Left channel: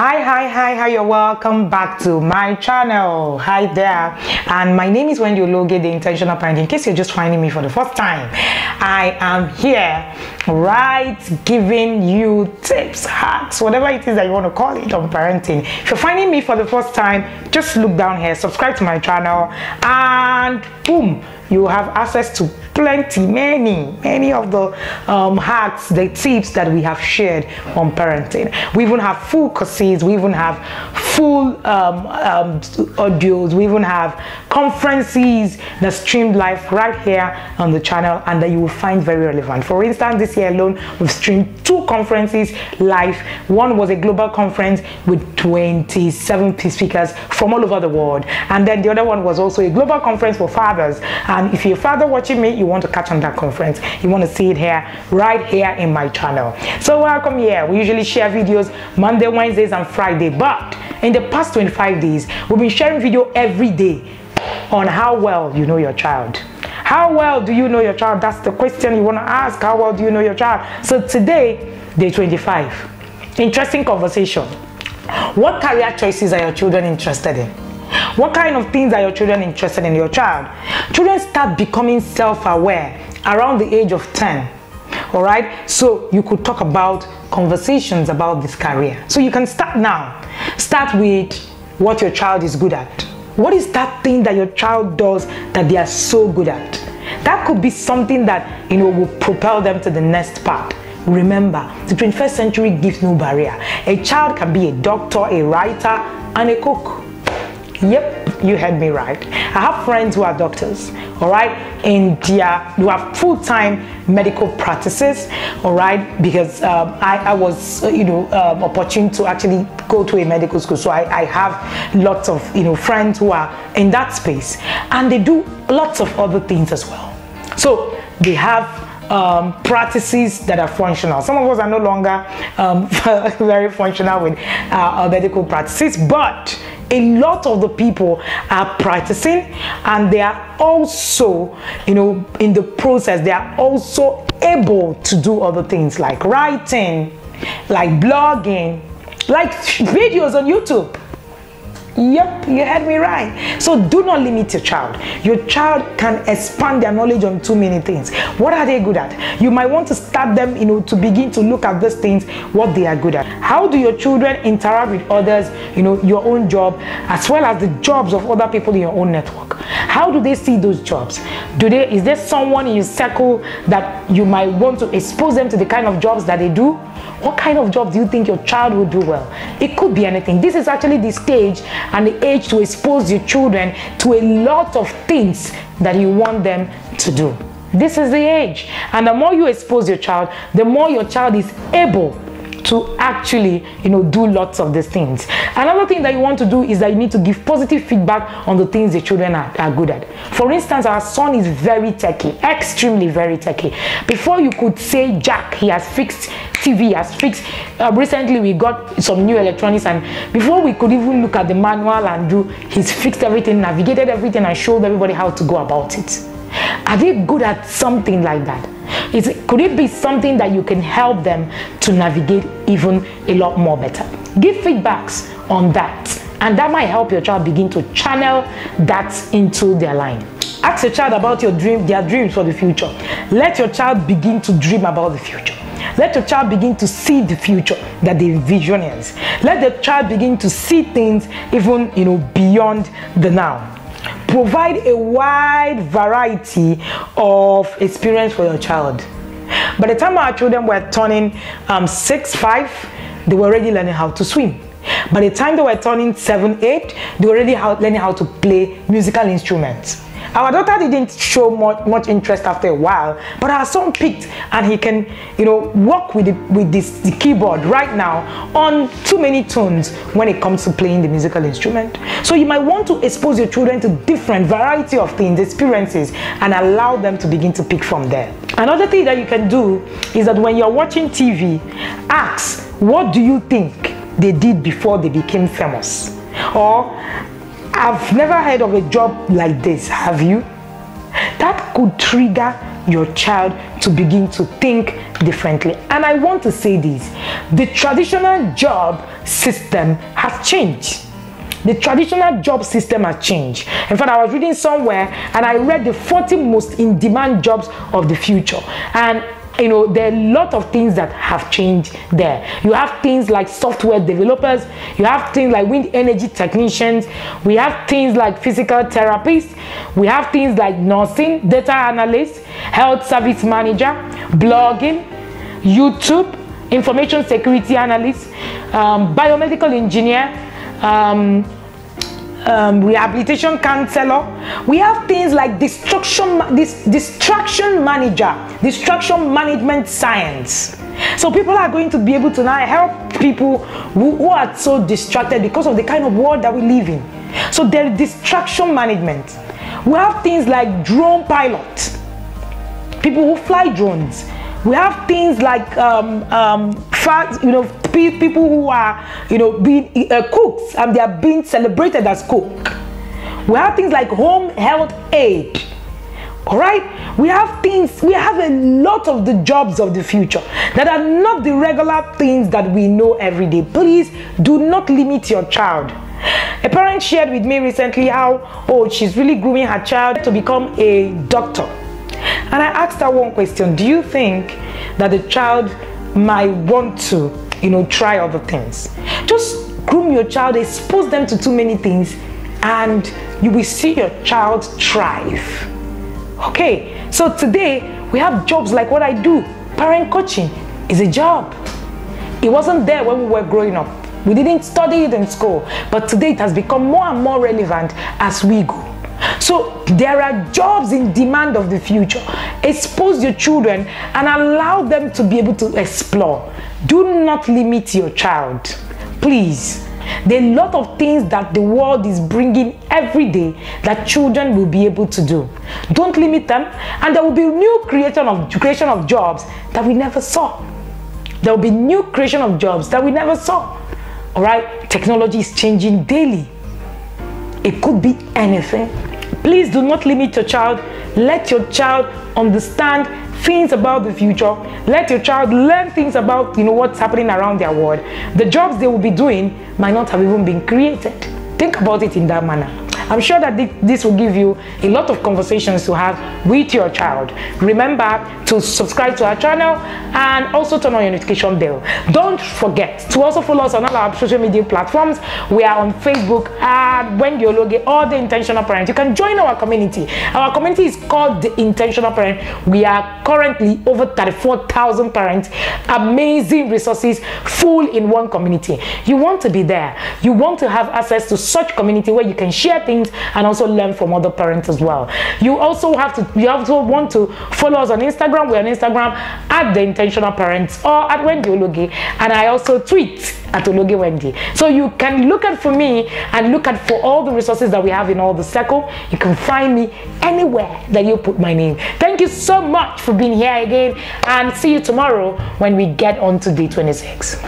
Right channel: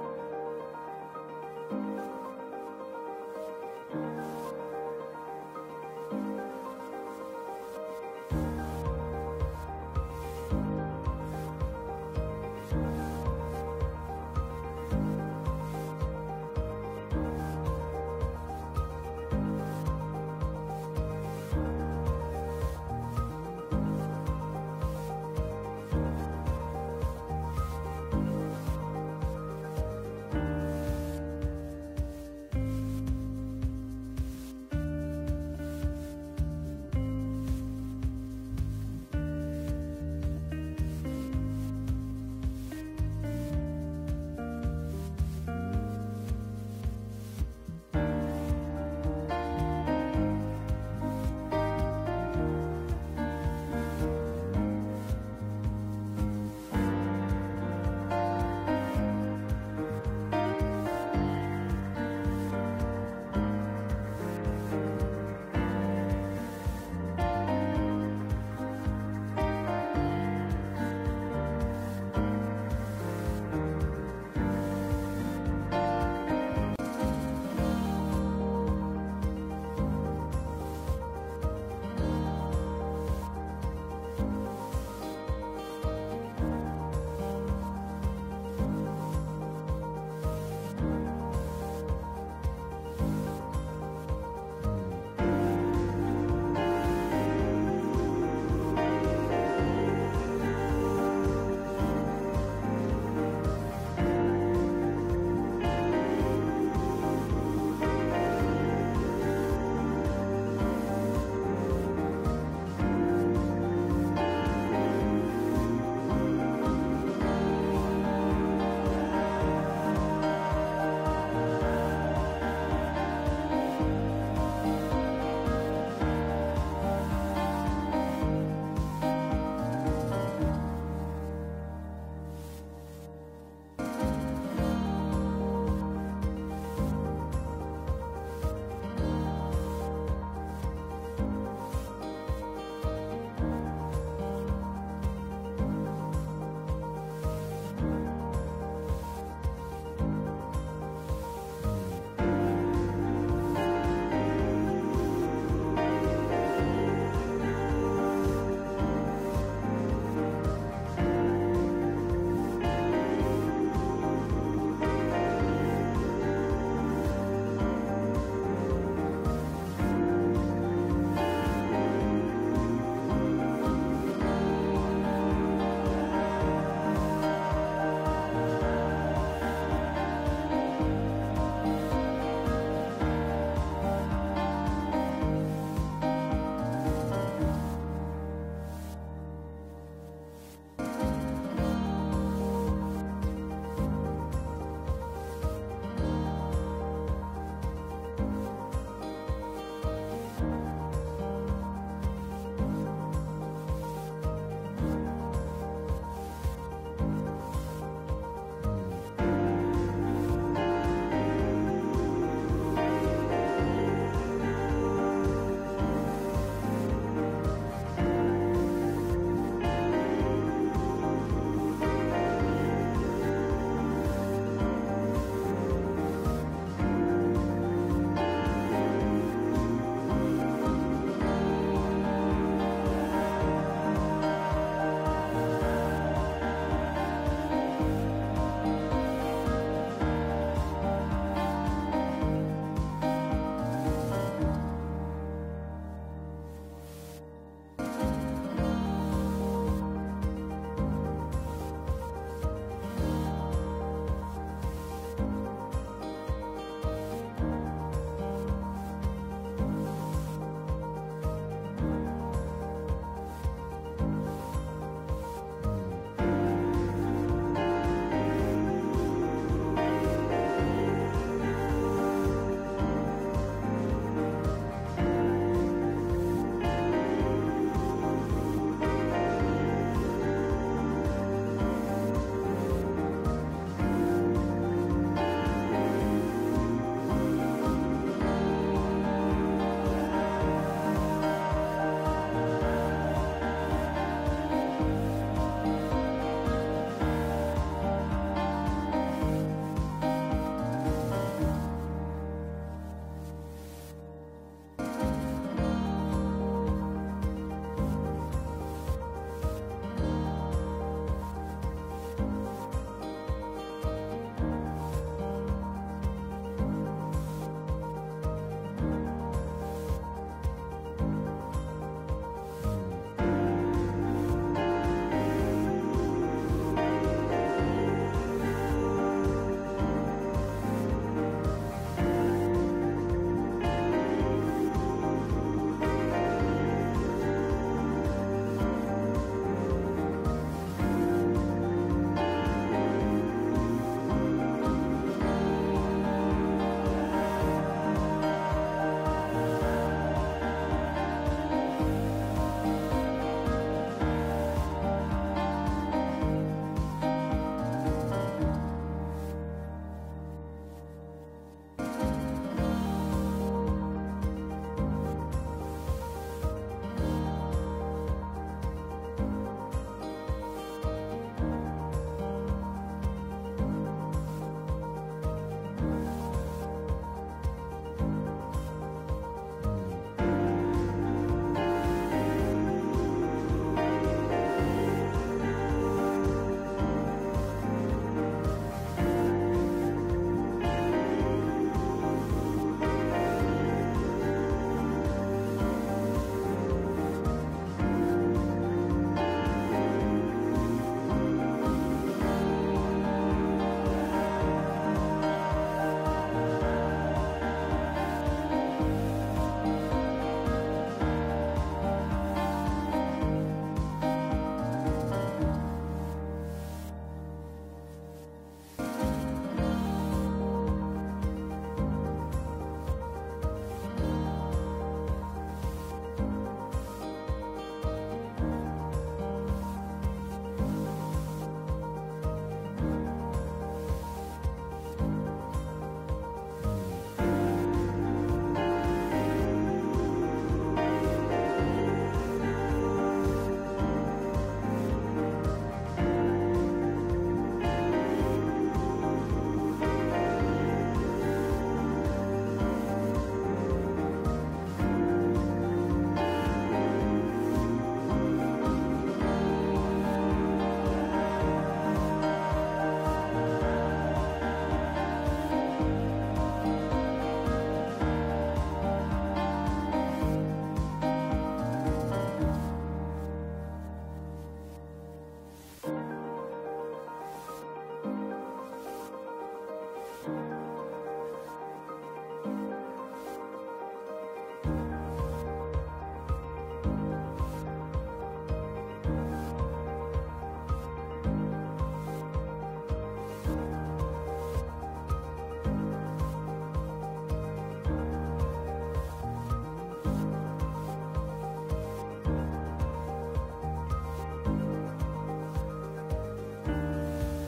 Hi, you're welcome back to my channel. Hi there, and my name is Wendy Ologe, the intentional parent. In case you're just finding me for the first time, I am here giving you tips, hacks, whatever it is that you want to call it on parenting. If you're finding me for the first time, just look down here, subscribe to my channel, and boom, you have access to many of the hacks, the tips that we have shared on parenting. We even have full courses, we even have full audios, we even have conferences that streamed live right here on the channel and that you will find very relevant. For instance, this year alone, we've streamed 2 conferences live. One was a global conference with 27 speakers from all over the world, and then the other one was also a global conference for fathers. And if you're a father watching me, you want to catch on that conference, you want to see it here, right here in my channel. So welcome here. We usually share videos Monday, Wednesdays, and Friday, but in the past 25 days, we've been sharing video every day on how well you know your child. How well do you know your child? That's the question you want to ask. How well do you know your child? So today, day 25. Interesting conversation. What career choices are your children interested in? What kind of things are your children interested in your child? Children start becoming self-aware around the age of 10. All right? So you could talk about conversations about this career. So you can start now. Start with what your child is good at. What is that thing that your child does that they are so good at? That could be something that, will propel them to the next part. Remember, the 21st century gives no barrier. A child can be a doctor, a writer, and a cook. Yep, you heard me right. I have friends who are doctors, all right, and who have full-time medical practices, all right, because I was, opportune to actually go to a medical school, so I have lots of, friends who are in that space, and they do lots of other things as well. So they have practices that are functional. Some of us are no longer very functional with our medical practices, but a lot of the people are practicing, and they are also, in the process, they are also able to do other things like writing, like blogging, like videos on YouTube. Yep, you heard me right. So do not limit your child. Your child can expand their knowledge on too many things. What are they good at? You might want to start them, to begin to look at these things, what they are good at. How do your children interact with others, your own job, as well as the jobs of other people in your own network? How do they see those jobs? Is there someone in your circle that you might want to expose them to the kind of jobs that they do? What kind of job do you think your child will do well? It could be anything. This is actually the stage and the age to expose your children to a lot of things that you want them to do. This is the age. And the more you expose your child, the more your child is able to actually, do lots of these things. Another thing that you want to do is that you need to give positive feedback on the things the children are good at. For instance, our son is very techy, extremely very techy. Before you could say Jack, he has fixed TV, he has fixed. Recently we got some new electronics, and before we could even look at the manual and he's fixed everything, navigated everything, and showed everybody how to go about it. Are they good at something like that? Could it be something that you can help them to navigate even a lot more better? Give feedbacks on that, and that might help your child begin to channel that into their line. Ask your child about their dreams for the future. Let your child begin to dream about the future. Let your child begin to see the future that the vision is. Let the child begin to see things even beyond the now. Provide a wide variety of experience for your child. By the time our children were turning 6, 5, they were already learning how to swim. By the time they were turning 7, 8, they were already learning how to play musical instruments. Our daughter didn't show much interest after a while, but our son picked, and he can, work with the keyboard right now on too many tunes when it comes to playing the musical instrument. So you might want to expose your children to different variety of things, experiences, and allow them to begin to pick from there. Another thing that you can do is that when you're watching TV, ask, what do you think they did before they became famous? Or, I've never heard of a job like this, have you? That could trigger your child to begin to think differently. And I want to say this, the traditional job system has changed. The traditional job system has changed. In fact, I was reading somewhere and I read the 40 most in-demand jobs of the future. And you know, there are a lot of things that have changed there. You have things like software developers, you have things like wind energy technicians, we have things like physical therapists, we have things like nursing, data analysts, health service manager, blogging, YouTube, information security analyst, biomedical engineer, rehabilitation counselor. We have things like distraction manager, distraction management science. So people are going to be able to now help people who are so distracted because of the kind of world that we live in. So there is distraction management. We have things like drone pilots, people who fly drones. We have things like people who are, being cooks, and they are being celebrated as cook. We have things like home health aid. All right, we have a lot of the jobs of the future that are not the regular things that we know every day. Please do not limit your child. A parent shared with me recently how, she's really grooming her child to become a doctor. And I asked her one question: do you think that the child might want to, try other things? Just groom your child, expose them to too many things, and you will see your child thrive. Okay, so today we have jobs like what I do. Parent coaching is a job. It wasn't there when we were growing up. We didn't study it in school, but today it has become more and more relevant as we go. So there are jobs in demand of the future. Expose your children and allow them to be able to explore. Do not limit your child, please. There are a lot of things that the world is bringing every day that children will be able to do. Don't limit them, and there will be new creation of jobs that we never saw. There will be new creation of jobs that we never saw. All right, technology is changing daily. It could be anything. Please do not limit your child. Let your child understand things about the future. Let your child learn things about what's happening around their world. The jobs they will be doing might not have even been created. Think about it in that manner. I'm sure that this will give you a lot of conversations to have with your child. Remember to subscribe to our channel and also turn on your notification bell. Don't forget to also follow us on all our social media platforms. We are on Facebook at Wendy Ologe or The Intentional Parent. You can join our community. Our community is called The Intentional Parent. We are currently over 34,000 parents. Amazing resources full in one community. You want to be there. You want to have access to such community where you can share things and also learn from other parents as well. You also want to follow us on Instagram. We're on Instagram at The Intentional Parents or at Wendy Ologe, and I also tweet at Ologe Wendy. So you can look at for me and look at for all the resources that we have in all the circle. You can find me anywhere that you put my name. Thank you so much for being here again, and see you tomorrow when we get on to day 26.